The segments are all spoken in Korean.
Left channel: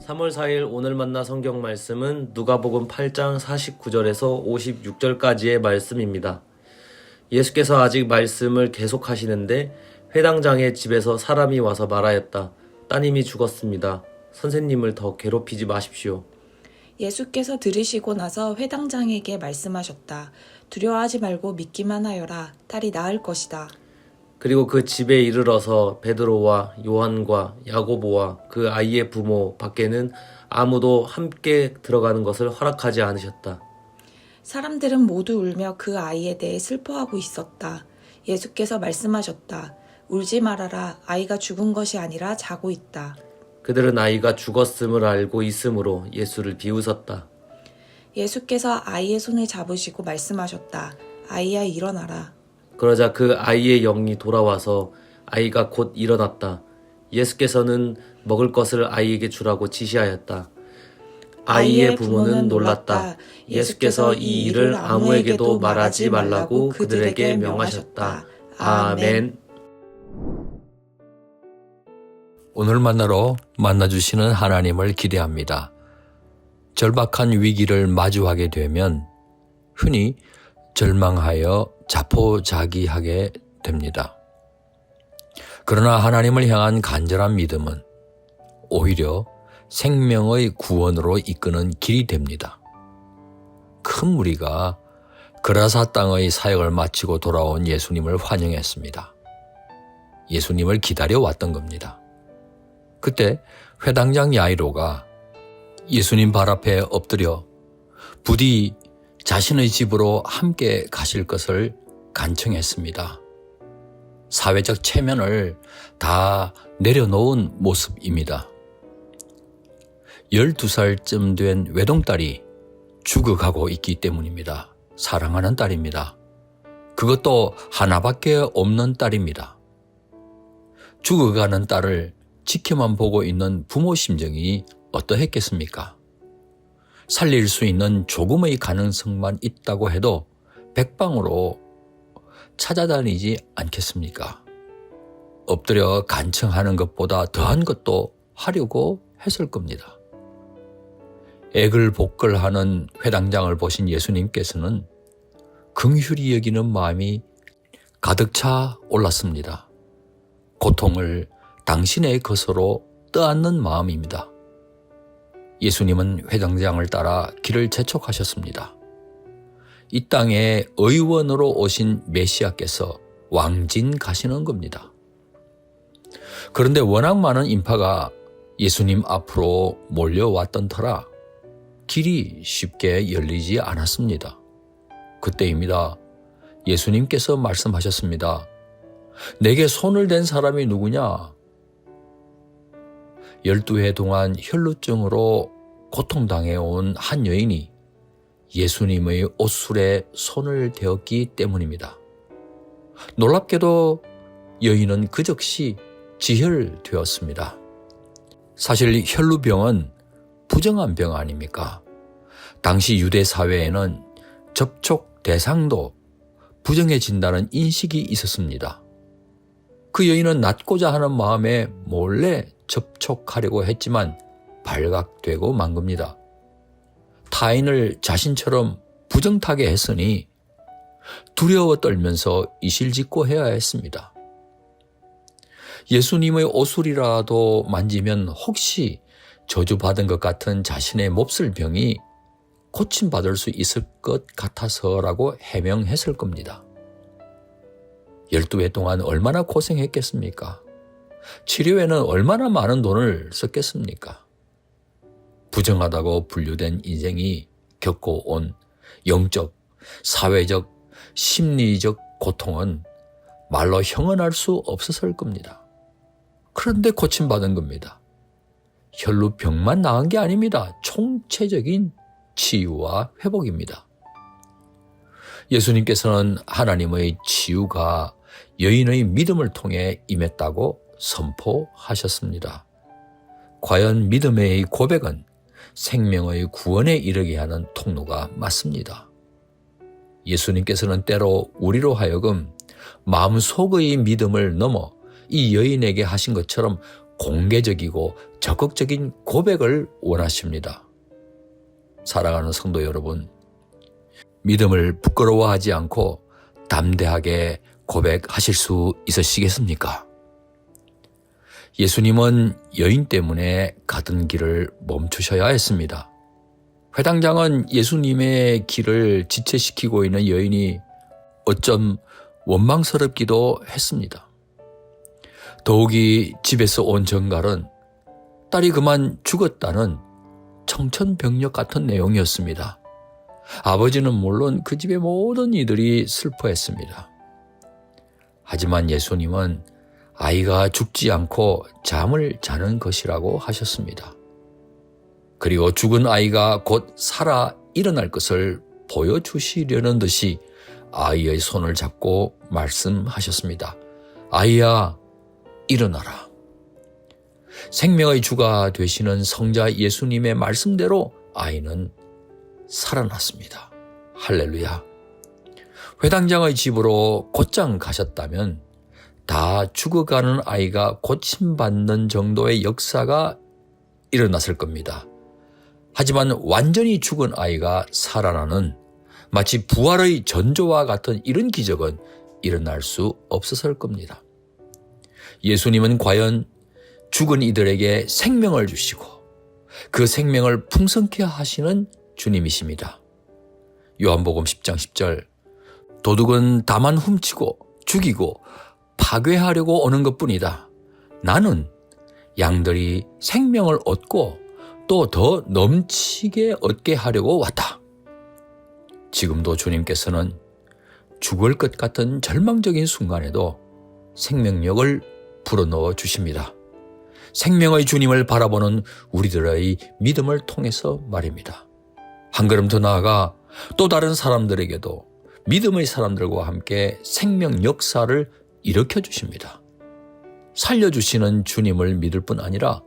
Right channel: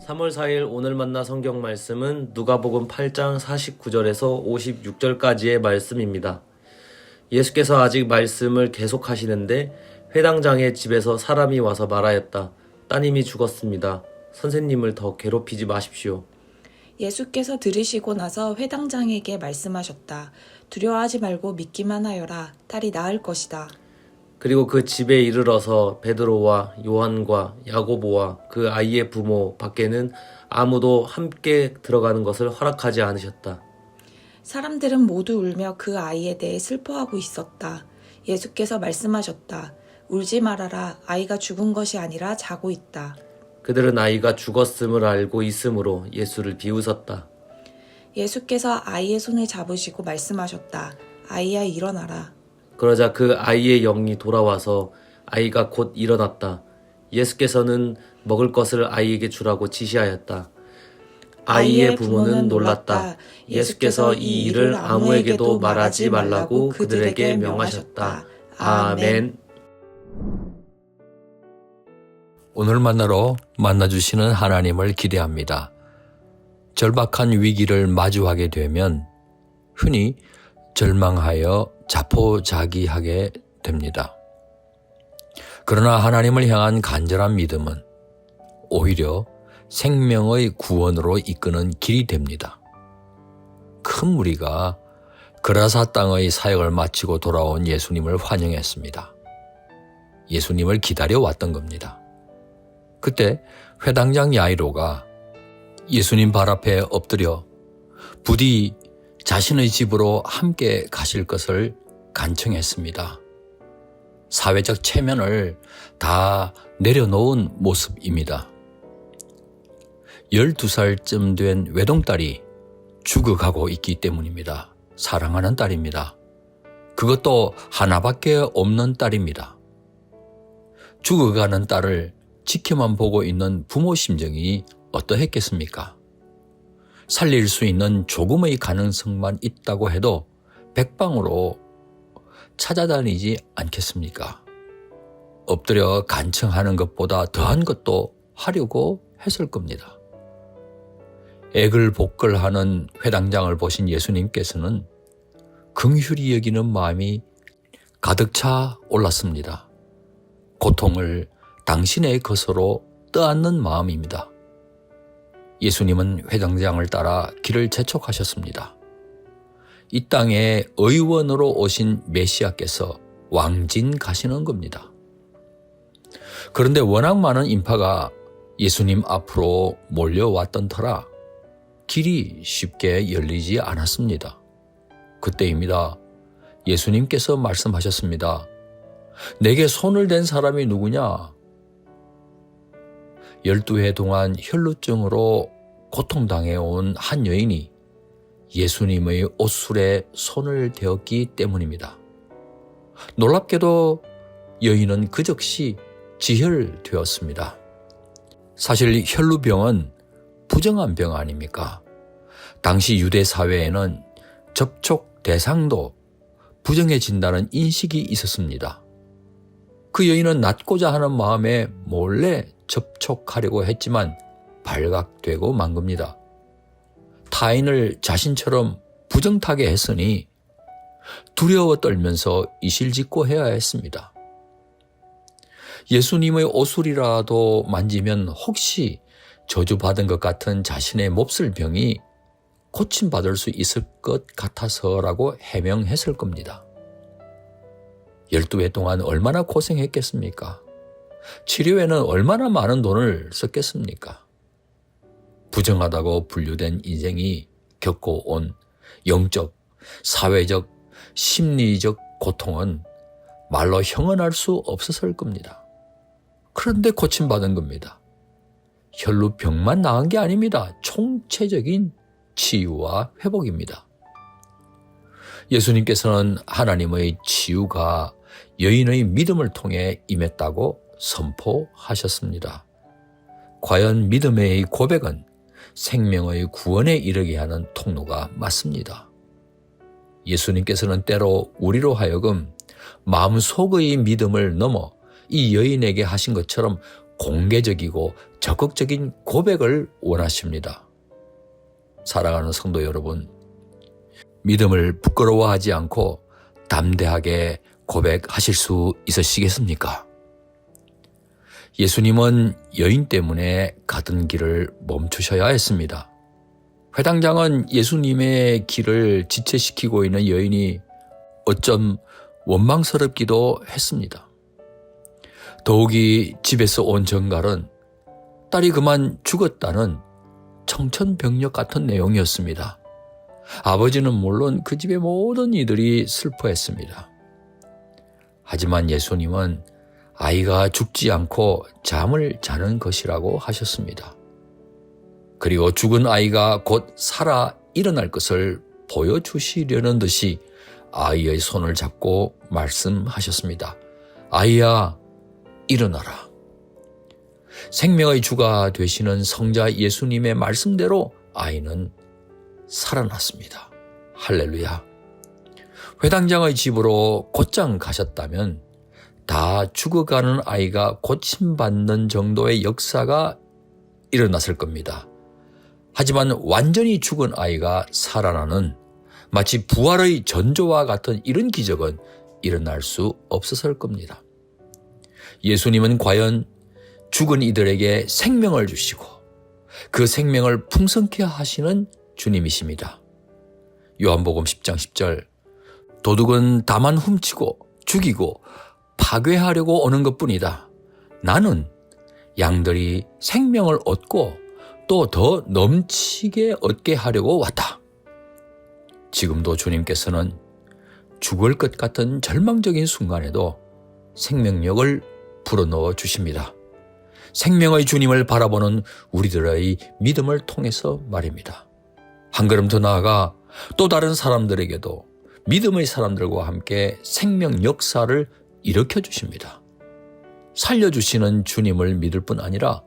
3월 4일 오늘 만나 성경 말씀은 누가복음 8장 49절에서 56절까지의 말씀입니다. 예수께서 아직 말씀을 계속하시는데 회당장의 집에서 사람이 와서 말하였다. 따님이 죽었습니다. 선생님을 더 괴롭히지 마십시오. 예수께서 들으시고 나서 회당장에게 말씀하셨다. 두려워하지 말고 믿기만 하여라. 딸이 나을 것이다. 그리고 그 집에 이르러서 베드로와 요한과 야고보와 그 아이의 부모 밖에는 아무도 함께 들어가는 것을 허락하지 않으셨다. 사람들은 모두 울며 그 아이에 대해 슬퍼하고 있었다. 예수께서 말씀하셨다. 울지 말아라. 아이가 죽은 것이 아니라 자고 있다. 그들은 아이가 죽었음을 알고 있으므로 예수를 비웃었다. 예수께서 아이의 손을 잡으시고 말씀하셨다. 아이야 일어나라. 그러자 그 아이의 영이 돌아와서 아이가 곧 일어났다. 예수께서는 먹을 것을 아이에게 주라고 지시하였다. 아이의 부모는 놀랐다. 예수께서 이 일을 아무에게도 말하지 말라고 그들에게 명하셨다. 아멘. 오늘 만나주시는 하나님을 기대합니다. 절박한 위기를 마주하게 되면 흔히 절망하여 자포자기하게 됩니다. 그러나 하나님을 향한 간절한 믿음은 오히려 생명의 구원으로 이끄는 길이 됩니다. 큰 무리가 그라사 땅의 사역을 마치고 돌아온 예수님을 환영했습니다. 예수님을 기다려왔던 겁니다. 그때 회당장 야이로가 예수님 발 앞에 엎드려 부디 자신의 집으로 함께 가실 것을 간청했습니다. 사회적 체면을 다 내려놓은 모습입니다. 12살쯤 된 외동딸이 죽어가고 있기 때문입니다. 사랑하는 딸입니다. 그것도 하나밖에 없는 딸입니다. 죽어가는 딸을 지켜만 보고 있는 부모 심정이 어떠했겠습니까? 살릴 수 있는 조금의 가능성만 있다고 해도 백방으로 찾아다니지 않겠습니까? 엎드려 간청하는 것보다 더한 것도 하려고 했을 겁니다. 애글복걸하는 회당장을 보신 예수님께서는 긍휼히 여기는 마음이 가득 차 올랐습니다. 고통을 당신의 것으로 떠안는 마음입니다. 예수님은 회당장을 따라 길을 재촉하셨습니다. 이 땅에 의원으로 오신 메시아께서 왕진 가시는 겁니다. 그런데 워낙 많은 인파가 예수님 앞으로 몰려왔던 터라 길이 쉽게 열리지 않았습니다. 그때입니다. 예수님께서 말씀하셨습니다. 내게 손을 댄 사람이 누구냐? 12해 동안 혈루증으로 고통당해온 한 여인이 예수님의 옷술에 손을 대었기 때문입니다. 놀랍게도 여인은 그 즉시 지혈되었습니다. 사실 혈루병은 부정한 병 아닙니까? 당시 유대 사회에는 접촉 대상도 부정해진다는 인식이 있었습니다. 그 여인은 낫고자 하는 마음에 몰래 접촉하려고 했지만 발각되고 만 겁니다. 타인을 자신처럼 부정타게 했으니 두려워 떨면서 이실직고 해야 했습니다. 예수님의 옷술이라도 만지면 혹시 저주받은 것 같은 자신의 몹쓸 병이 고침받을 수 있을 것 같아서라고 해명했을 겁니다. 12해 동안 얼마나 고생했겠습니까? 치료에는 얼마나 많은 돈을 썼겠습니까? 부정하다고 분류된 인생이 겪어온 영적, 사회적, 심리적 고통은 말로 형언할 수 없었을 겁니다. 그런데 고침받은 겁니다. 혈루병만 나은 게 아닙니다. 총체적인 치유와 회복입니다. 예수님께서는 하나님의 치유가 여인의 믿음을 통해 임했다고 선포하셨습니다. 과연 믿음의 고백은 생명의 구원에 이르게 하는 통로가 맞습니다. 예수님께서는 때로 우리로 하여금 마음속의 믿음을 넘어 이 여인에게 하신 것처럼 공개적이고 적극적인 고백을 원하십니다. 사랑하는 성도 여러분, 믿음을 부끄러워하지 않고 담대하게 고백하실 수 있으시겠습니까? 예수님은 여인 때문에 가던 길을 멈추셔야 했습니다. 회당장은 예수님의 길을 지체시키고 있는 여인이 어쩜 원망스럽기도 했습니다. 더욱이 집에서 온 정갈은 딸이 그만 죽었다는 청천벽력 같은 내용이었습니다. 아버지는 물론 그 집의 모든 이들이 슬퍼했습니다. 하지만 예수님은 아이가 죽지 않고 잠을 자는 것이라고 하셨습니다. 그리고 죽은 아이가 곧 살아 일어날 것을 보여주시려는 듯이 아이의 손을 잡고 말씀하셨습니다. 아이야, 일어나라. 생명의 주가 되시는 성자 예수님의 말씀대로 아이는 살아났습니다. 할렐루야. 회당장의 집으로 곧장 가셨다면 다 죽어가는 아이가 고침받는 정도의 역사가 일어났을 겁니다. 하지만 완전히 죽은 아이가 살아나는 마치 부활의 전조와 같은 이런 기적은 일어날 수 없었을 겁니다. 예수님은 과연 죽은 이들에게 생명을 주시고 그 생명을 풍성케 하시는 주님이십니다. 요한복음 10장 10절, 도둑은 다만 훔치고 죽이고 파괴하려고 오는 것뿐이다. 나는 양들이 생명을 얻고 또 더 넘치게 얻게 하려고 왔다. 지금도 주님께서는 죽을 것 같은 절망적인 순간에도 생명력을 불어넣어 주십니다. 생명의 주님을 바라보는 우리들의 믿음을 통해서 말입니다. 한 걸음 더 나아가 또 다른 사람들에게도 믿음의 사람들과 함께 생명 역사를 일으켜 주십니다. 살려주시는 주님을 믿을 뿐 아니라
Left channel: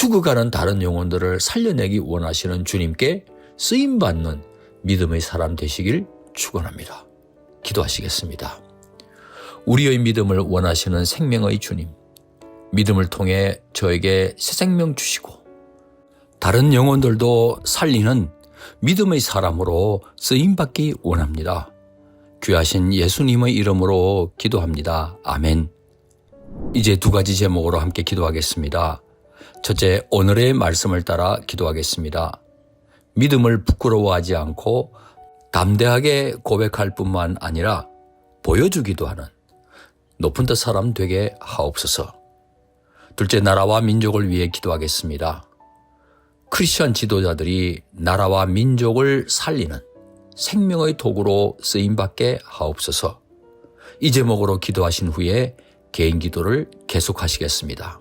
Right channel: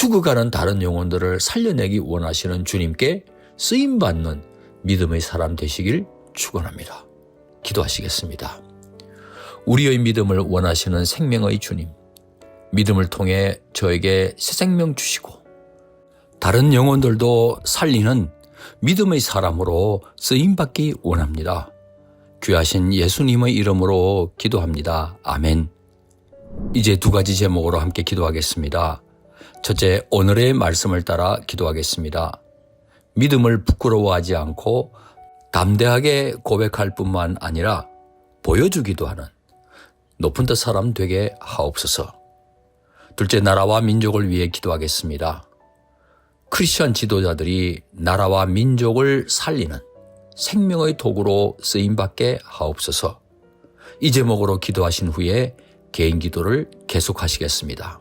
죽어가는 다른 영혼들을 살려내기 원하시는 주님께 쓰임받는 믿음의 사람 되시길 축원합니다. 기도하시겠습니다. 우리의 믿음을 원하시는 생명의 주님, 믿음을 통해 저에게 새 생명 주시고 다른 영혼들도 살리는 믿음의 사람으로 쓰임받기 원합니다. 귀하신 예수님의 이름으로 기도합니다. 아멘. 이제 두 가지 제목으로 함께 기도하겠습니다. 첫째, 오늘의 말씀을 따라 기도하겠습니다. 믿음을 부끄러워하지 않고 담대하게 고백할 뿐만 아니라 보여주기도 하는 높은 뜻 사람 되게 하옵소서. 둘째, 나라와 민족을 위해 기도하겠습니다. 크리스천 지도자들이 나라와 민족을 살리는 생명의 도구로 쓰임받게 하옵소서. 이 제목으로 기도하신 후에 개인 기도를 계속하시겠습니다.